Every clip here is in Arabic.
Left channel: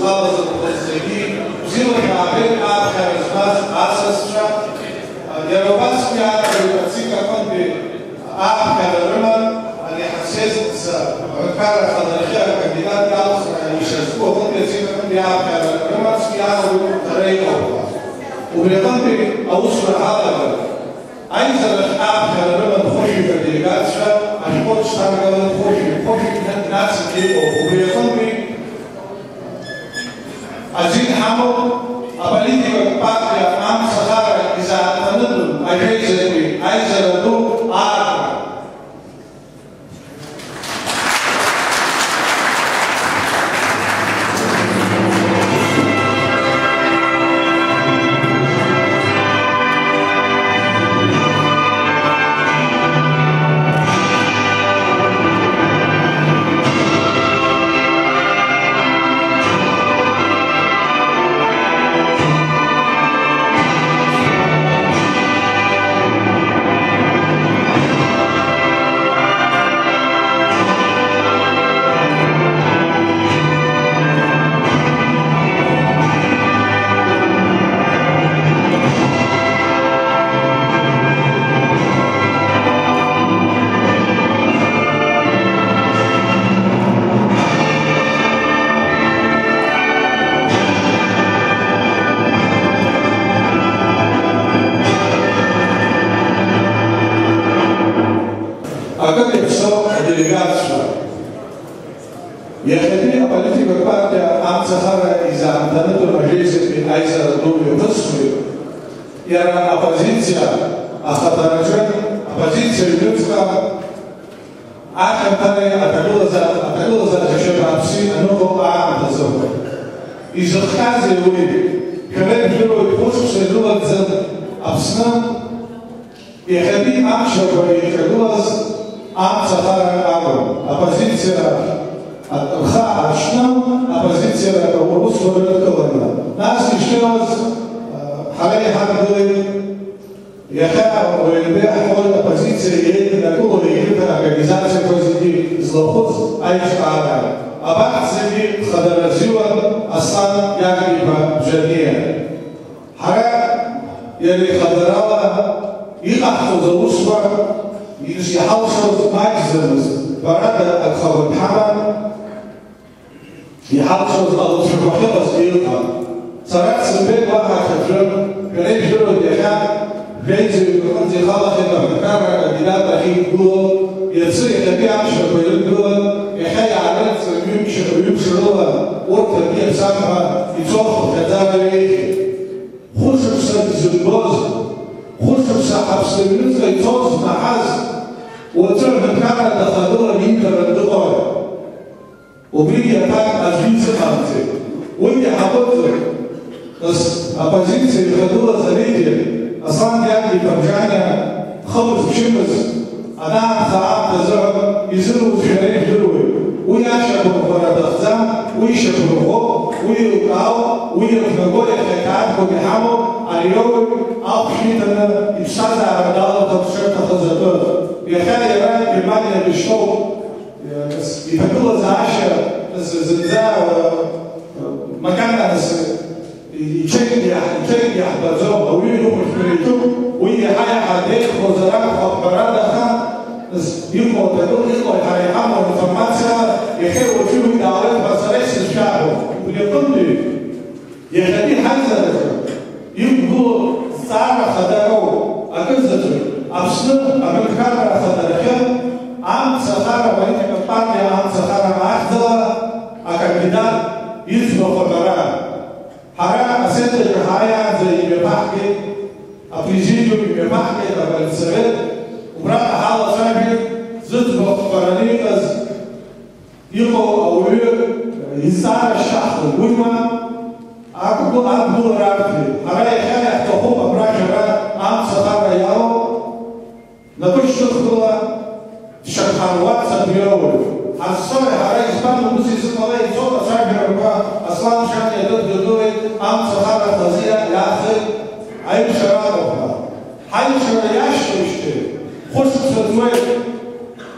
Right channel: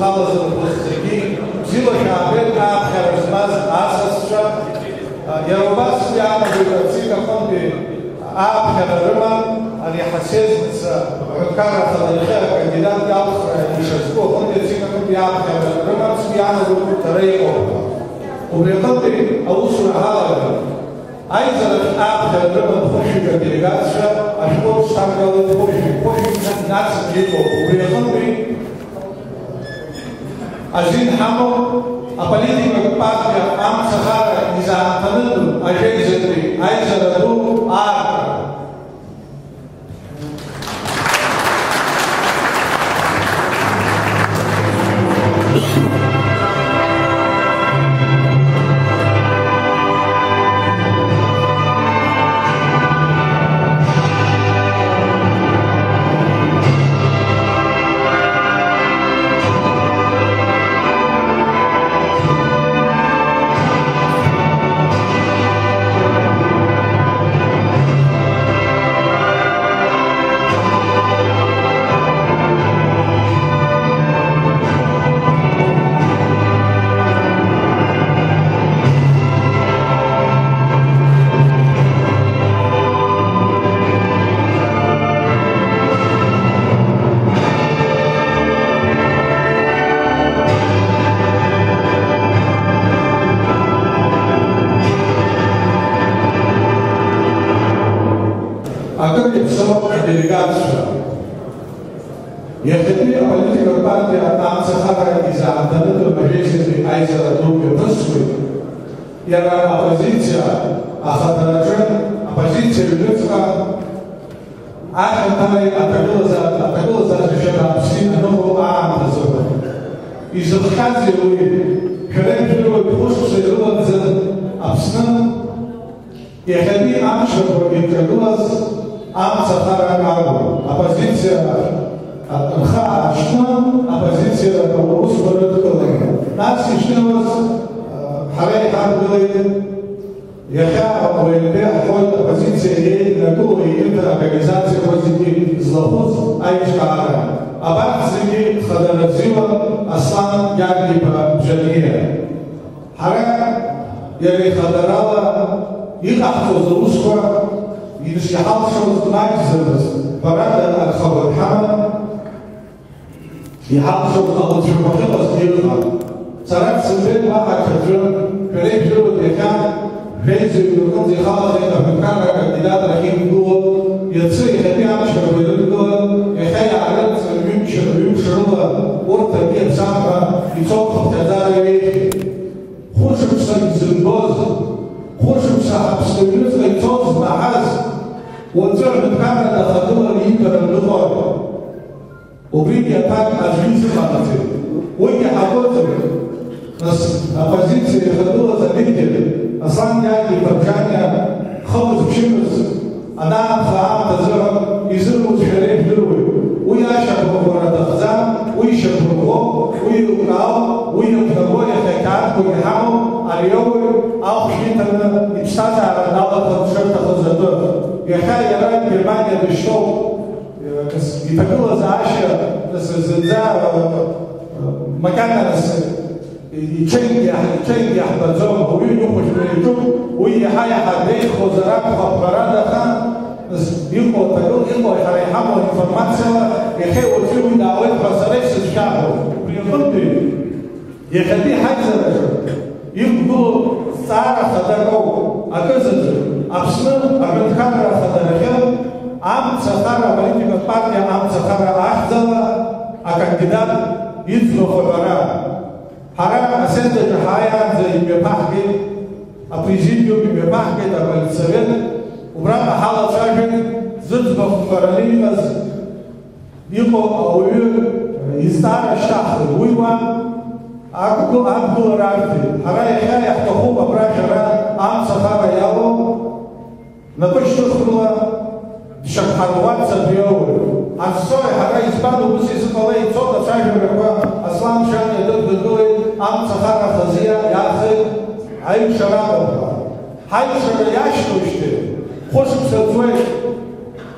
Zalaz Zalazegi, Zilo Kabel, Charismas, Asastra, Yarobas Yana, Zika Konti, Kadaruna, and Yahasses, Kara Fadalher, Kandidat Yalf, Yishasku, Konti, Zika Konti, Kadaruna, Spiana, Tareko. وبيضطر أوصل هذا أيضا الآن كلمة خوشي بالديجاتشا أشوف شامل خوشي الناس اللي وبيضطر أزيد حمو أبليتي بقطع أم سفارة إذا تنظر أجهزة أيضا لدو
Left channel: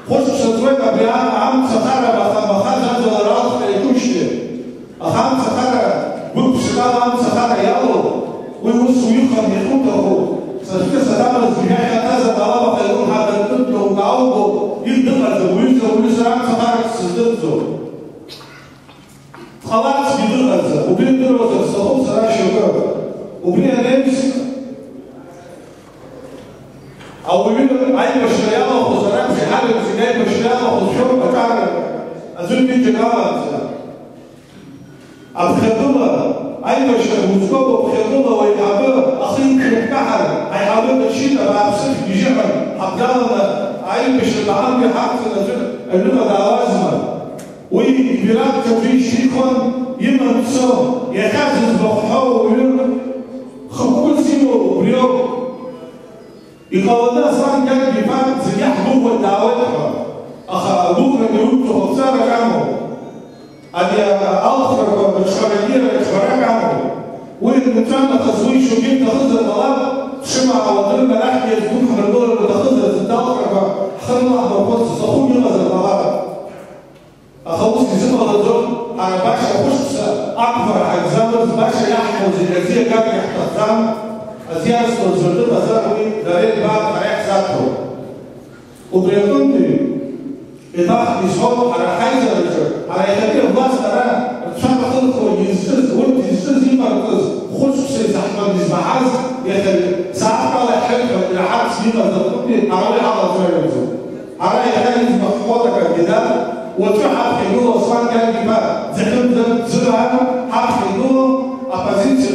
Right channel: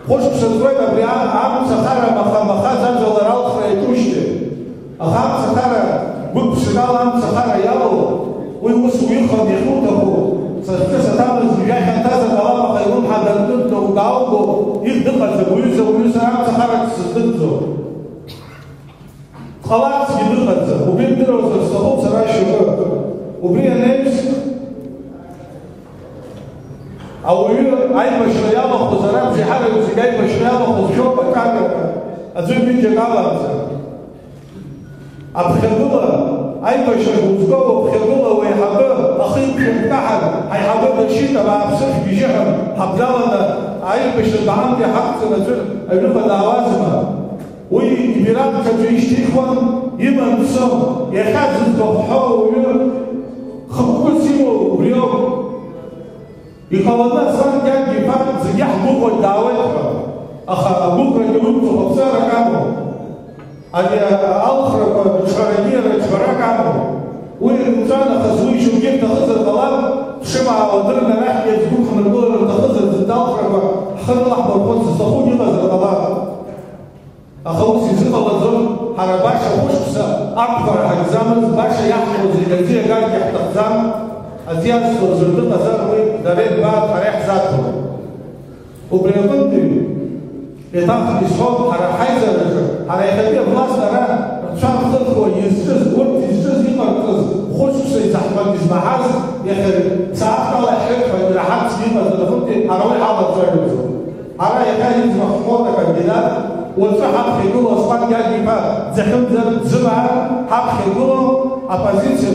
خوش بسوي ببيان عام سخرة مخازن دولارات في كل شيء. أخام سخرة شيخون يخوتهو سنفكس تعمل زجاجة هذا طالما فيكون هذا الطفل وتعوضه يدخل ويلزم سمارك سدنزو خلاص بيدخل وبيدرو زرسهم سراي شباب وبيا نمس أو يقول أي مشروع وخزانات في حاجة زي مشروع وخزانات أكاد أزوج بيجي كمان أبخدوها أي مشروع وزوجه أبخدوها ويحبه أخيك مكحل هيحبه الشيء تبع بسيف بيجيهم حبلنا أي مشروع عندي حق نزول اللغة العوازمة ويبيرات كبير شيخون يمن سو يخزن بحاره ويقول خبول سيمو بريوم يقولنا صار كان جفان زياح بكرة دعوتها أخا بكرة جروبته خبصارة كامو أني أخر شرقية شرق كامو وإنسان خصوصي شو جبت خزر الغلاب شمع وضرنا نحكي يزبون $5 وتخزر الزتاخر خلال لحظة وقلت صخون يغز الغلاب أخوص كزيما غزون على باشا وشبسة أكبر أجزامز باشا يحفظ الجزية قاعد يحتفظام أزيان سلطة ذاته دارين بعد حريح ذاته وبريطنتي إضافة بصوت على حيزة الرجل على يخليه بلاس أنا مشان خلقه يزز قلت يزز يمركز خلص سي زحمة إزمعاز يخلي ساعات على حلفة من الحد سنين ذاتوكي على على طريقه على يخلي مخفوضة كالجدال وتروح حق يقولوا أصلا قال لي ما زخم زرعة حق يقولوا أبازيتش